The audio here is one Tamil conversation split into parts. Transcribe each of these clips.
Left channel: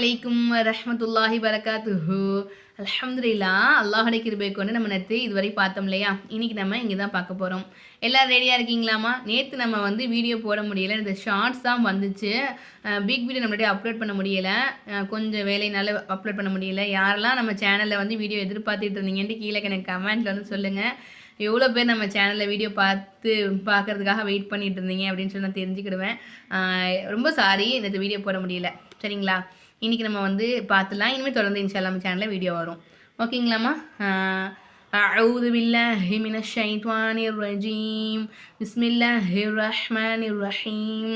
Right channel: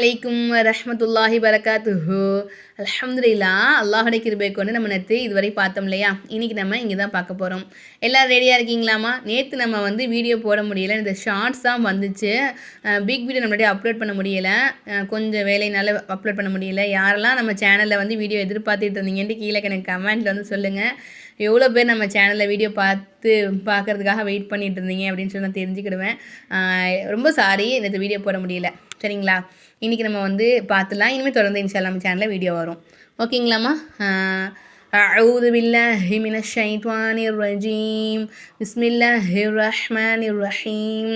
அலைக்கும் ரஹமத்துல்லாஹி வரகாத்துஹு. அலமதுல்லா அல்லாஹுடைய கிருபை கொண்டு நம்ம நேற்று இதுவரை பார்த்தோம் இல்லையா? இன்னைக்கு நம்ம இங்கே தான் பார்க்க போகிறோம் எல்லோரும் ரெடியாக இருக்கீங்களாமா நேற்று நம்ம வந்து வீடியோ போட முடியல. இந்த ஷார்ட்ஸ் தான் வந்துச்சு. பிக் வீடியோ நம்மளுடைய அப்லோட் பண்ண முடியலை. கொஞ்சம் வேலையினால அப்லோட் பண்ண முடியல. யாரெல்லாம் நம்ம சேனலில் வந்து வீடியோ எதிர்பார்த்துட்டு இருந்தீங்கன்ட்டு கீழே எனக்கு கமெண்ட்டில் வந்து சொல்லுங்கள் எவ்வளோ பேர் நம்ம சேனலில் வீடியோ பார்த்து பார்க்கறதுக்காக வெயிட் பண்ணிட்டு இருந்தீங்க அப்படின்னு சொல்லி நான் தெரிஞ்சுக்கிடுவேன். ரொம்ப சாரி இந்த வீடியோ போட முடியல. சரிங்களா? இன்றைக்கி நம்ம வந்து பார்த்துலாம் இனிமேல் தொடர்ந்து இன்ஷா நம்ம சேனலில் வீடியோ வரும் ஓகேங்களாம்மா أعوذ بالله من الشيطان الرجيم بسم الله الرحمن الرحيم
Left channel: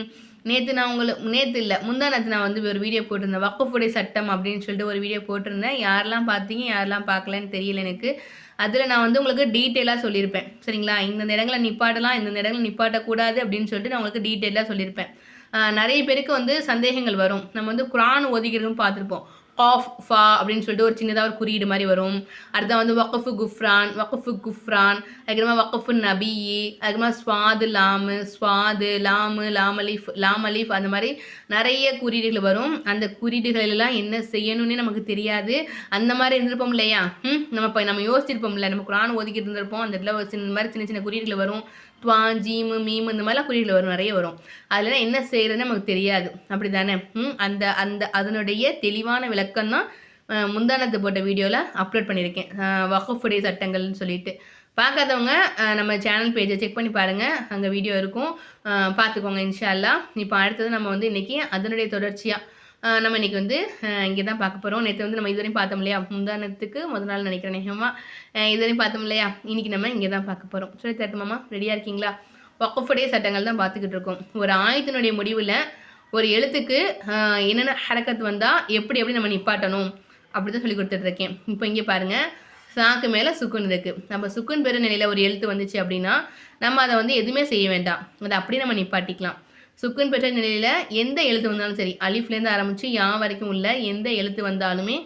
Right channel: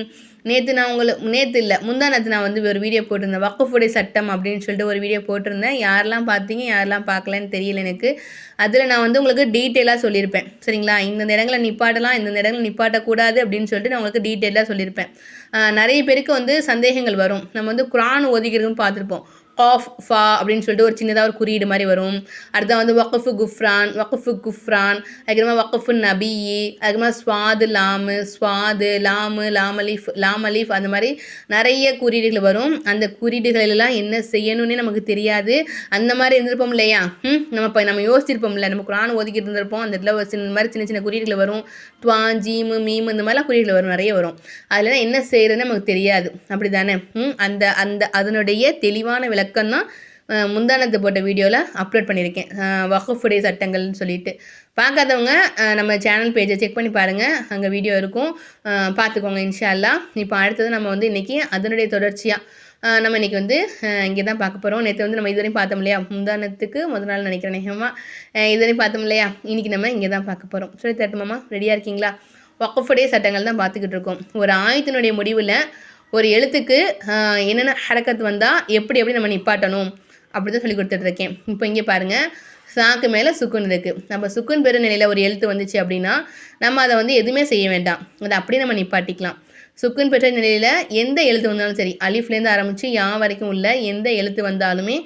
நேற்று நான் உங்களுக்கு நேற்று இல்லை முந்தா நேற்று நான் வந்து ஒரு வீடியோ போட்டிருந்தேன் வக்குஃபுடைய சட்டம் அப்படின்னு சொல்லிட்டு ஒரு வீடியோ போட்டிருந்தேன் யாரெல்லாம் பார்த்தீங்க யாரெல்லாம் பார்க்கலன்னு தெரியல எனக்கு அதில் நான் வந்து உங்களுக்கு டீட்டெயிலாக சொல்லியிருப்பேன் சரிங்களா இந்த இடங்களை நிப்பாட்டலாம் இந்த இடங்களை நிப்பாட்டக்கூடாது அப்படின்னு சொல்லிட்டு நான் உங்களுக்கு டீட்டெயிலாக சொல்லியிருப்பேன் ஆஹ் நிறைய பேருக்கு வந்து சந்தேகங்கள் வரும். நம்ம வந்து குரான் ஒதுக்கிறதுன்னு பார்த்துருப்போம். காஃப் ஃபா அப்படின்னு சொல்லிட்டு ஒரு சின்னதாக ஒரு குறியீடு மாதிரி வரும். அடுத்த வந்து வக்கஃபு குஃப்ரான் வக்கஃபு குஃப்ரான் அதுக்கப்புறமா வக்கஃபு நபி அதுக்கப்புறமா ஸ்வாது லாமு ஸ்வாது லாமு லாமலீஃப் லாமலீஃப் அந்த மாதிரி நிறைய குறியீடுகள் வரும். அந்த குறியீடுகளெல்லாம் என்ன செய்யணும்னே நமக்கு தெரியாது. அந்த மாதிரி இருந்திருப்போம் இல்லையா? ம் நம்ம இப்போ நம்ம யோசிச்சிருப்போம்ல நம்ம குரான் ஒதுக்கிட்டு இருந்திருப்போம். அந்த இடத்துல ஒரு சின்ன மாதிரி சின்ன சின்ன குறியீடுகள் வரும். துவா ஜீமு மீமு இந்த மாதிரிலாம் குறியீடுகள் வரும் நிறைய வரும். அதில் என்ன செய்யறதுன்னு நமக்கு தெரியாது. அப்படி தானே ம் அந்த அந்த அதனுடைய தெளிவான விளக்கம் தான் முந்தானத்து போட்ட வீடியோவில் அப்லோட் பண்ணியிருக்கேன் வகுப்புடைய சட்டங்கள்னு சொல்லிட்டு. பார்க்காதவங்க நம்ம சேனல் பேஜை செக் பண்ணி பாருங்கள் அங்கே வீடியோ இருக்கும். பார்த்துக்கோங்க இன்ஷா அல்லாஹ் இப்போ அடுத்தது நம்ம வந்து இன்றைக்கி அதனுடைய தொடர்ச்சியாக நம்ம இன்றைக்கி வந்து இங்கே தான் பார்க்க போகிறோம் நேற்று வந்து நம்ம இதுவரையும் பார்த்தோம் இல்லையா? முந்தானத்துக்கு முதல் நாள் நினைக்கிறேன் நேகமாக இதுவரையும் பார்த்தோம் இல்லையா? இன்றைக்கி நம்ம இங்கே தான் பார்க்க போகிறோம் சொல்லி தட்டுமாமா ரெடியாக இருக்கீங்களா? வக்கஃபுடைய சட்டங்கள் தான் பார்த்துக்கிட்டு இருக்கோம். ஒரு ஆயத்தினுடைய முடிவில் ஒரு எழுத்துக்கு என்னென்ன ஹரக்கத் வந்தால் எப்படி எப்படி நம்ம நிப்பாட்டணும் அப்படி தான் சொல்லி கொடுத்துட்ருக்கேன். இப்போ இங்கே பாருங்கள் சாக்கு மேலே சுக்குன் இருக்குது நம்ம சுக்குன் பெரு நிலையில் ஒரு எழுத்து வந்துச்சு அப்படின்னா நம்ம அதை வந்து எதுவுமே செய்ய வேண்டாம். அதை அப்படியே நம்ம நிப்பாட்டிக்கலாம். சுக்குன் பெற்ற நிலையில் எந்த எழுத்து வந்தாலும் சரி அலிஃப்லேருந்து ஆரம்பித்து யா வரைக்கும் உள்ள எந்த எழுத்து வந்தாலுமே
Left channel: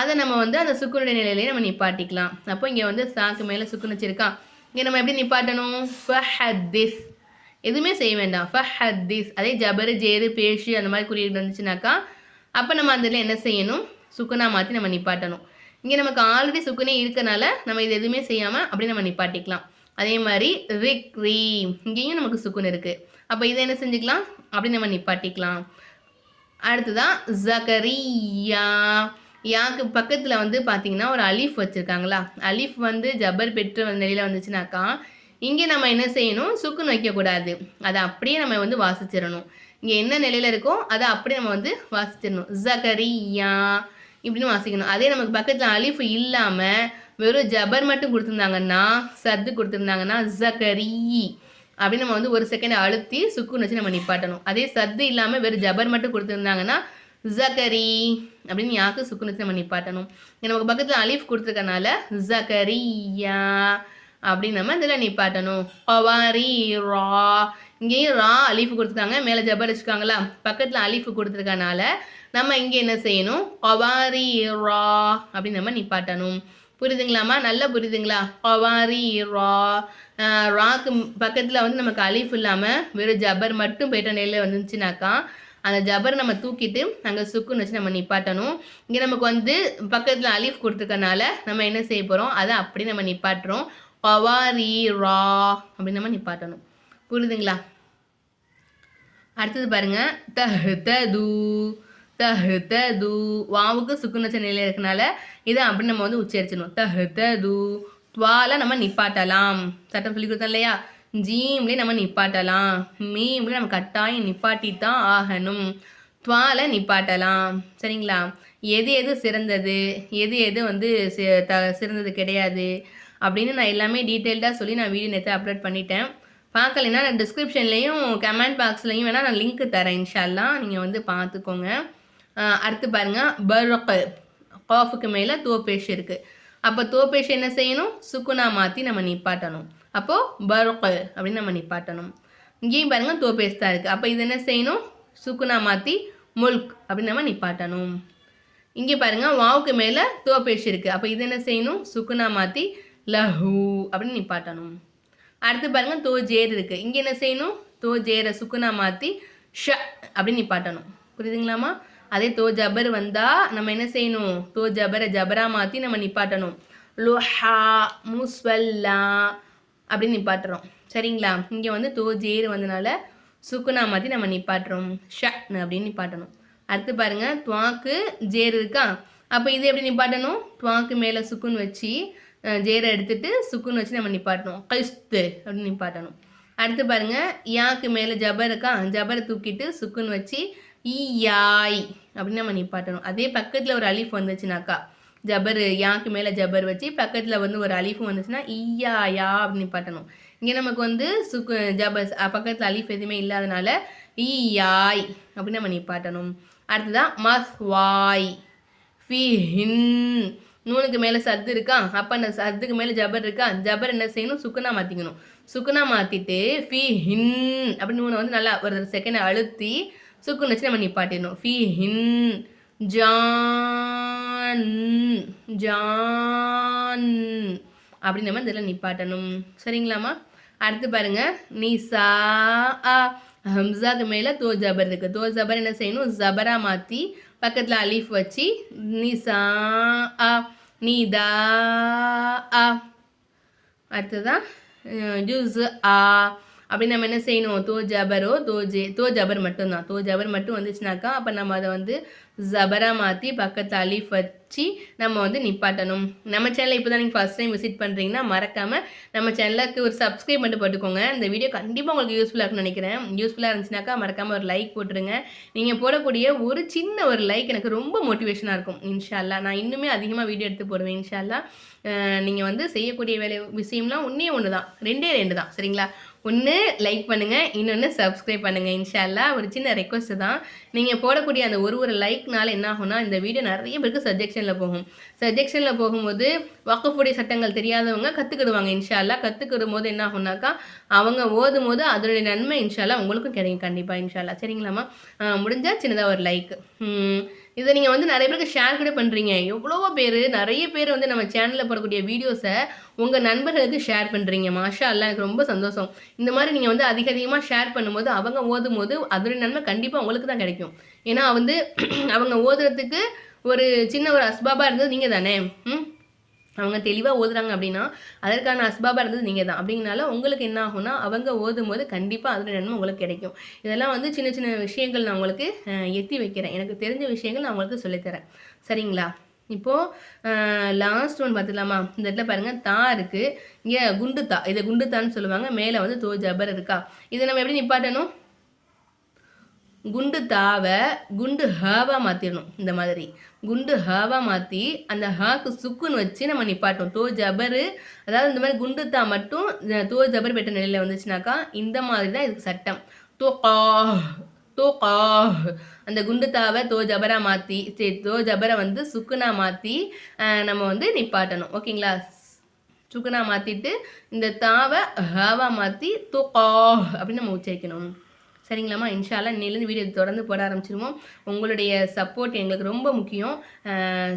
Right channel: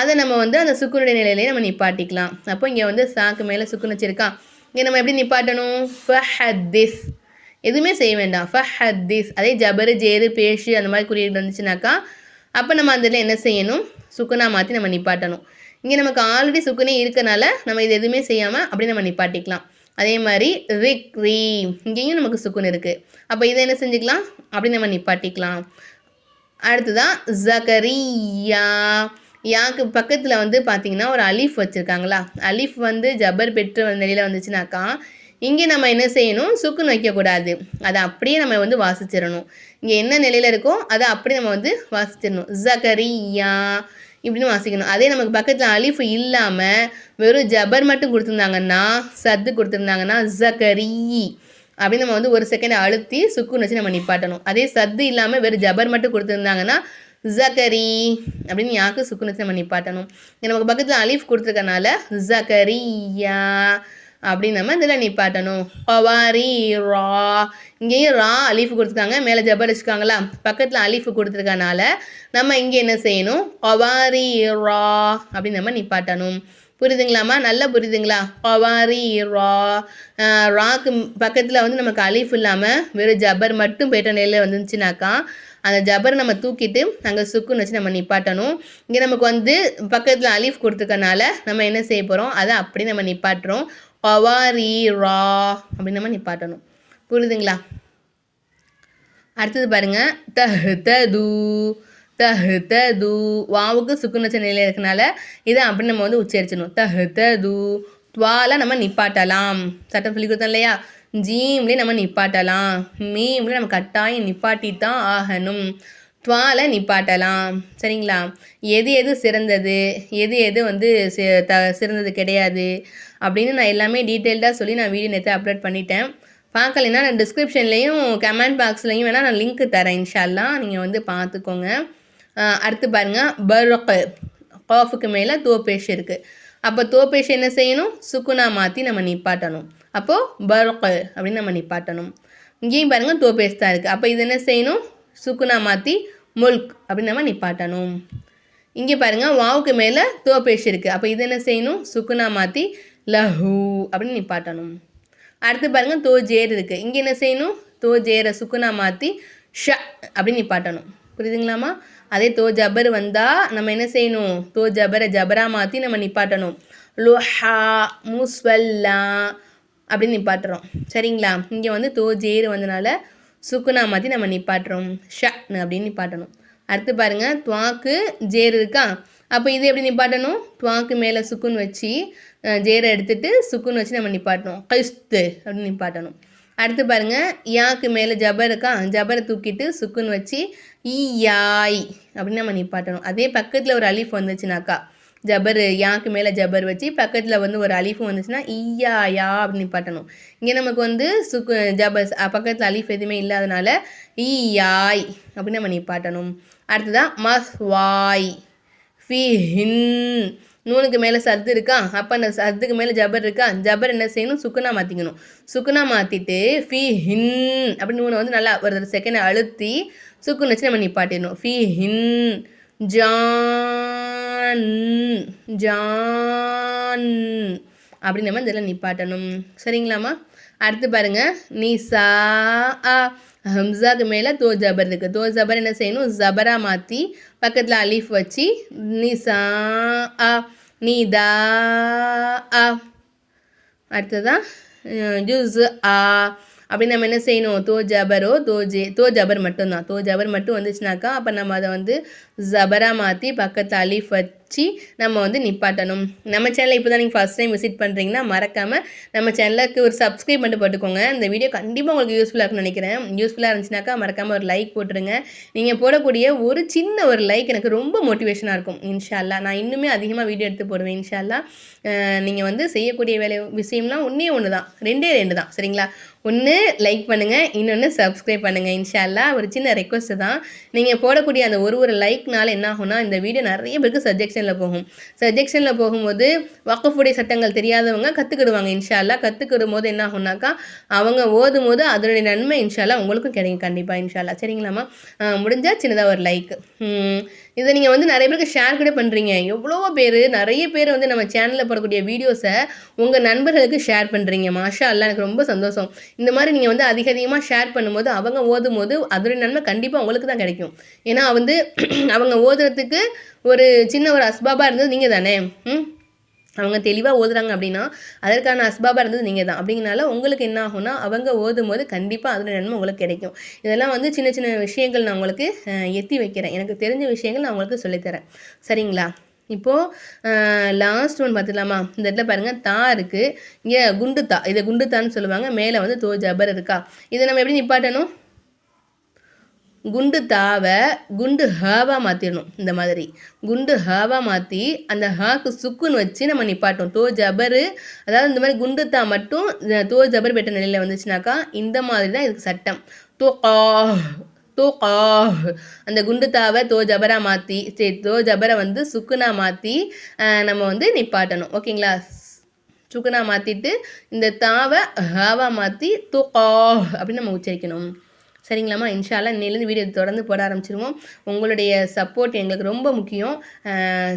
அதை நம்ம வந்து அந்த சுக்குனுடைய நிலையிலே நம்ம நிப்பாட்டிக்கலாம். அப்போ இங்கே வந்து சாக்கு மேலே சுக்குன் வச்சுருக்கா. இங்கே நம்ம எப்படி நிப்பாட்டணும்? ஃபஹத்திஸ் எதுவுமே செய்ய வேண்டாம். ஃபஹத்திஸ் அதே ஜபரு ஜேரு பேஷு அந்த மாதிரி குறியீடு வந்துச்சுனாக்கா அப்போ நம்ம அதில் என்ன செய்யணும்? சுக்குனா மாற்றி நம்ம நிப்பாட்டணும். இங்கே நமக்கு ஆல்ரெடி சுக்குனே இருக்கனால நம்ம இது எதுவுமே செய்யாமல் அப்படி நம்ம நிப்பாட்டிக்கலாம். அதே மாதிரி ரிக் ரீ இங்கேயும் நமக்கு சுக்குன் இருக்குது அப்போ இதை என்ன செஞ்சுக்கலாம்? அப்படி நம்ம நிப்பாட்டிக்கலாம். அடுத்ததான் ஜகரியா. யாக்கு பக்கத்தில் வந்து பார்த்தீங்கன்னா ஒரு அலிஃப் வச்சுருக்காங்களா? அலீஃப் வந்து ஜபர் பெற்ற நிலையில் வந்துச்சுனாக்கா இங்கே நம்ம என்ன செய்யணும்? சுக்குன்னு வைக்கக்கூடாது அதை அப்படியே நம்ம வந்து வாசிச்சிடணும். இங்கே என்ன நிலையில் இருக்கோ அதை அப்படியே நம்ம வந்து வாசிச்சிடணும். ஜகரியா இப்படின்னு வாசிக்கணும். அதே நமக்கு பக்கத்தில் அலிஃபு இல்லாமல் வெறும் ஜபர் மட்டும் கொடுத்துருந்தாங்கன்னா சத்து கொடுத்துருந்தாங்கன்னா ஜகரி அப்படின்னு நம்ம வந்து ஒரு செகண்ட் அழுத்தி சுக்குன்னு வச்சு நம்ம நிப்பாட்டணும். அதே சத்து இல்லாமல் வெறும் ஜபர் மட்டும் கொடுத்துருந்தாங்கன்னா ஜக்கரி அப்படின்னு யாக்கு சுக்குன்னு வச்சு நம்ம நிப்பாட்டணும்? நமக்கு பக்கத்தில் அலிஃப் கொடுத்துருக்கனால ஜகரியா அப்படின்னு நம்ம இதில் நிப்பாட்டணும். பவாரி ரா. இங்கேயும் ரா அலீஃப் கொடுத்துருக்காங்க. மேலே ஜபர் வச்சுருக்காங்களா பக்கத்தில் அலீஃப் கொடுத்துருக்கனால நம்ம இங்கே என்ன செய்யணும்? பவாரி ரா அப்படின்னு நம்ம நிப்பாட்டணும். புரியுதுங்களாம்மா? நல்லா புரியுதுங்களா? பவாரி ரா. ராக்கு பக்கத்தில் வந்து நமக்கு அலீஃப் இல்லாமல் வெறும் ஜபர் மட்டும் போயிட்ட நிலையில் வந்துச்சுனாக்கா அந்த ஜபரை நம்ம தூக்கிட்டு அங்கே சுக்குன்னு வச்சு நம்ம நிப்பாட்டணும். இங்கே நமக்கு வந்து பக்கத்தில் அலீஃப் கொடுத்துருக்கனால நம்ம என்ன செய்ய போகிறோம் அதை அப்படி நம்ம நிப்பாட்டுறோம். பவாரி ரா அப்படின்னு நம்ம நிப்பாட்டணும். புரியுதுங்களா? அடுத்தது பாருங்க. தஹ் தது தஹ் தது. வாவுக்கு சுக்குநச்ச நிலையில் இருக்கனால இதை அப்படி நம்ம வந்து உச்சரிச்சணும் தஹ் தது. துவால நம்ம நிப்பாட்டலாம். சட்டம் சொல்லி கொடுத்தோம் இல்லையா? ஜீம்லேயே நம்ம நிப்பாட்டலாம். மீம்லேயே நம்ம கட்டாயம் நிப்பாட்டி தான் ஆகணும். துவால நிப்பாட்டலாம். சரிங்களா? எது எது சிறந்தது? எது எது வந்து சி- த சிறந்தது கிடையாது? அப்படின்னு நான் எல்லாமே டீட்டெயில்டாக சொல்லி நான் வீடியோ நேற்று அப்லோட் பண்ணிட்டேன். பார்க்கலைன்னா நான் டிஸ்கிரிப்ஷன்லேயும் கமெண்ட் பாக்ஸ்லையும் வேணால் நான் லிங்க் தரேன் இன்ஷால்லாம் நீங்கள் வந்து பார்த்துக்கோங்க அடுத்து பாருங்கள் பர்ரொக்கு காஃபுக்கு மேலே தோப்பேஷ் இருக்குது அப்போ தோப்பேஷ் என்ன செய்யணும்? சுக்குனா மாற்றி நம்ம நிப்பாட்டணும். அப்போது பர்ரொக்கு அப்படின்னு நம்ம நிப்பாட்டணும். இங்கேயும் பாருங்கள் தோப்பேஷ் தான் இருக்குது அப்போ இது என்ன செய்யணும்? சுக்குனா மாற்றி முல்க் அப்படின்னு நம்ம நிப்பாட்டணும். இங்கே பாருங்கள் வாவுக்கு மேலே தோப்பேஷ் இருக்குது அப்போ இது என்ன செய்யணும்? சுக்குனா மாற்றி லஹூ அப்படின்னு நிப்பாட்டணும். அடுத்து பாருங்க தோ ஜேர் இருக்குது இங்கே என்ன செய்யணும்? தோ ஜேரை சுக்குனா மாற்றி ஷ அப்படின்னு நிப்பாட்டணும். புரியுதுங்களாமா அதே தோ ஜபர் வந்தால் நம்ம என்ன செய்யணும்? தோ ஜபரை ஜபரா மாற்றி நம்ம நிப்பாட்டணும். லுஹா முஸ்வல்லா அப்படின்னு நிப்பாட்டுறோம். சரிங்களா? இங்கே வந்து தோ ஜேர் வந்தனால சுக்குனா மாற்றி நம்ம நிப்பாட்டுறோம். ஷ அப்படின்னு நிப்பாட்டணும். அடுத்து பாருங்கள் துவாக்கு ஜேர் இருக்கா? அப்போ இது எப்படி நிப்பாட்டணும்? துவாக்கு மேலே சுக்குன் வச்சு ஜேரை எடுத்துட்டு சுக்குன் வச்சு நம்ம நிப்பாட்டணும். கைஸ்து அப்படின்னு நிப்பாட்டணும். அடுத்து பாருங்கள் யாக்கு மேலே ஜபர் இருக்கா? ஜபரை தூக்கிட்டு சுக்குன் வச்சு ஈ யாய் அப்படின்னு நம்ம நிப்பாட்டணும். அதே பக்கத்தில் ஒரு அலிஃப் வந்துச்சுனாக்கா ஜபர் யாக்கு மேலே ஜபர் வச்சு பக்கத்தில் வந்து ஒரு அலிஃபும் வந்துச்சுன்னா ஈயா யா அப்படின்னு நிப்பாட்டணும். இங்கே நமக்கு வந்து சுக்கு ஜபர் பக்கத்தில் அலிஃப் எதுவுமே இல்லாதனால ஈயாய் அப்படின்னு நம்ம நிப்பாட்டணும். அடுத்ததான் மஸ்வாய். ஃபி ஹின் நூனுக்கு மேலே சத்து இருக்கா? அப்போ அந்த சத்துக்கு மேலே ஜபர் இருக்கா? ஜபர் என்ன செய்யணும்? சுக்குனா மாற்றிக்கணும் சுக்குனா மாற்றிட்டு ஃபி ஹின் அப்படின்னு நூனை வந்து நல்லா ஒரு செகண்ட் அழுத்தி சுக்குன்னு வச்சு நம்ம நிப்பாட்டிடணும். ஃபி ஹின் ஜான். ஜான். அப்படி நம்ம இதில் நிப்பாட்டணும். சரிங்களாம்மா? அடுத்து பாருங்கள் நிசா ஆ ஹம்சாக்கு மேலே தோ ஜபர் இருக்குது தோ ஜபர் என்ன செய்யணும்? ஜபரா மாற்றி பக்கத்தில் அலீஃப் வச்சு நிசா அ நீதா ஆ அடுத்ததான் ஜூஸ் ஆ. அப்படி நம்ம என்ன செய்யணும்? தோ ஜபரோ தோ ஜே தோ ஜபர் மட்டும்தான். தோ ஜபர் மட்டும் வந்துச்சுனாக்கா அப்போ நம்ம அதை வந்து ஜபரா மாற்றி பக்கத்து வச்சு வச்சு நம்ம வந்து நிப்பாட்டணும். நம்ம சேனலை இப்போ தான் நீங்கள் ஃபஸ்ட் டைம் விசிட் பண்ணுறீங்கன்னா மறக்காமல் நம்ம சேனலுக்கு ஒரு சப்ஸ்கிரைப் பண்ணிட்டு போட்டுக்கோங்க. இந்த வீடியோ கண்டிப்பாக உங்களுக்கு யூஸ்ஃபுல்லாக இருக்கும்னு நினைக்கிறேன். யூஸ்ஃபுல்லாக இருந்துச்சுனாக்கா மறக்காமல் ஒரு லைக் போட்டுருங்க. நீங்கள் போடக்கூடிய ஒரு சின்ன ஒரு லைக் எனக்கு ரொம்ப மோட்டிவேஷனாக இருக்கும். இன்ஷால்லா நான் இன்னுமே அதிகமாக வீடியோ எடுத்து போடுவேன் இன்ஷால்லா நீங்கள் வந்து செய்யக்கூடிய வேலை விஷயம்னா ஒன்றே ஒன்று தான் ரெண்டே ரெண்டு தான் சரிங்களா? ஒன்று லைக் பண்ணுங்கள் இன்னொன்று சப்ஸ்கிரைப் பண்ணுங்கள் இன்ஷால்லா ஒரு சின்ன ரெக்வஸ்ட்டு தான். நீங்கள் போடக்கூடிய அந்த ஒரு ஒரு லைக்னால என்ன ஆகும்னா இந்த வீடியோ நிறைய பேருக்கு சஜெக்ஷனில் போகும். சஜெக்ஷனில் போகும்போது வக்கஃபுடைய சட்டங்கள் தெரியாதவங்க கற்றுக்கிடுவாங்க இன்ஷால்லா கற்றுக்கிடும் போது என்ன ஆகும்னாக்கா அவங்க ஓதும் போது அதனுடைய நன்மை இன்ஷால்லா உங்களுக்கும் கிடைக்கும் கண்டிப்பாக இன்ஷால்லா சரிங்களாம்மா? முடிஞ்சால் சின்னதாக ஒரு லைக் இதை நீங்கள் வந்து நிறைய பேருக்கு ஷேர் கூட பண்ணுறீங்க எவ்வளோ பேர் நிறைய பேர் வந்து நம்ம சேனலில் போடக்கூடிய வீடியோஸை உங்கள் நண்பர்களுக்கு ஷேர் பண்ணுறீங்க மாஷா அல்ல எனக்கு ரொம்ப சந்தோஷம். இந்த மாதிரி நீங்கள் வந்து அதிக அதிகமாக ஷேர் பண்ணும்போது அவங்க ஓதும் போது அதோடைய நன்மை கண்டிப்பாக உங்களுக்கு தான் கிடைக்கும். ஏன்னா வந்து அவங்க ஓதுறதுக்கு ஒரு சின்ன ஒரு அஸ்பாபாக இருந்தது நீங்கள் தானே? ம்? அவங்க தெளிவாக ஓதுறாங்க அப்படின்னா அதற்கான அஸ்பாபாக இருந்தது நீங்கள் தான். அப்படிங்கனால உங்களுக்கு என்ன ஆகும்னா அவங்க ஓதும் போது கண்டிப்பாக அதில் நன்மை உங்களுக்கு கிடைக்கும். இதெல்லாம் வந்து சின்ன சின்ன விஷயங்கள் நான் உங்களுக்கு எத்தி வைக்கிறேன். எனக்கு தெரிஞ்ச விஷயங்கள் நான் உங்களுக்கு சொல்லித்தரேன் சரிங்களா? இப்போது லாஸ்ட் ஒன் பார்த்துக்கலாமா? இந்த இடத்துல பாருங்கள் தா இருக்குது இங்கே குண்டு தா. இதை குண்டு தான்னு சொல்லுவாங்க. மேலே வந்து தோ ஜபர் இருக்கா? இதை நம்ம எப்படி நிப்பாட்டணும்? குண்டு தாவை குண்டு ஹாவாக மாற்றிடணும் இந்த மாதிரி. குண்டு ஹாவாக மாற்றி அந்த ஹாக்கு சுக்குன்னு வச்சு நம்ம நிப்பாட்டோம் தோ ஜபரு அதாவது இந்த மாதிரி குண்டு தா மட்டும் தோ ஜபர் பெற்ற நிலையில் வந்துச்சுனாக்கா இந்த மாதிரி தான் இதுக்கு சட்டம். தோ கா தோ கா அந்த குண்டு தாவை தோ ஜபரா மாற்றி சரி தோ ஜபரை வந்து சுக்குனா மாற்றி நம்ம வந்து நிப்பாட்டணும். ஓகேங்களா? சுக்குனா மாற்றிட்டு இந்த தாவை ஹாவாக மாற்றி தோ கா அப்படின்னு நம்ம உச்சரிக்கணும். சரிங்களாம்மா? இன்ஷால்லா இன்னிலேருந்து வீடியோ தொடர்ந்து போட ஆரம்பிச்சிருவோம். உங்களுடைய சப்போர்ட் எங்களுக்கு ரொம்ப முக்கியம்.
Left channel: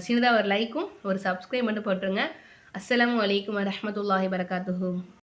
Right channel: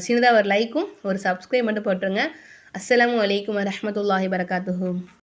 சின்னதாக ஒரு லைக்கும் ஒரு சப்ஸ்கிரைப் மட்டும் போட்டுருங்க. அஸ்லாம் வலைக்கம் வரமத்துல்லாஹி வரகாத்துஹூ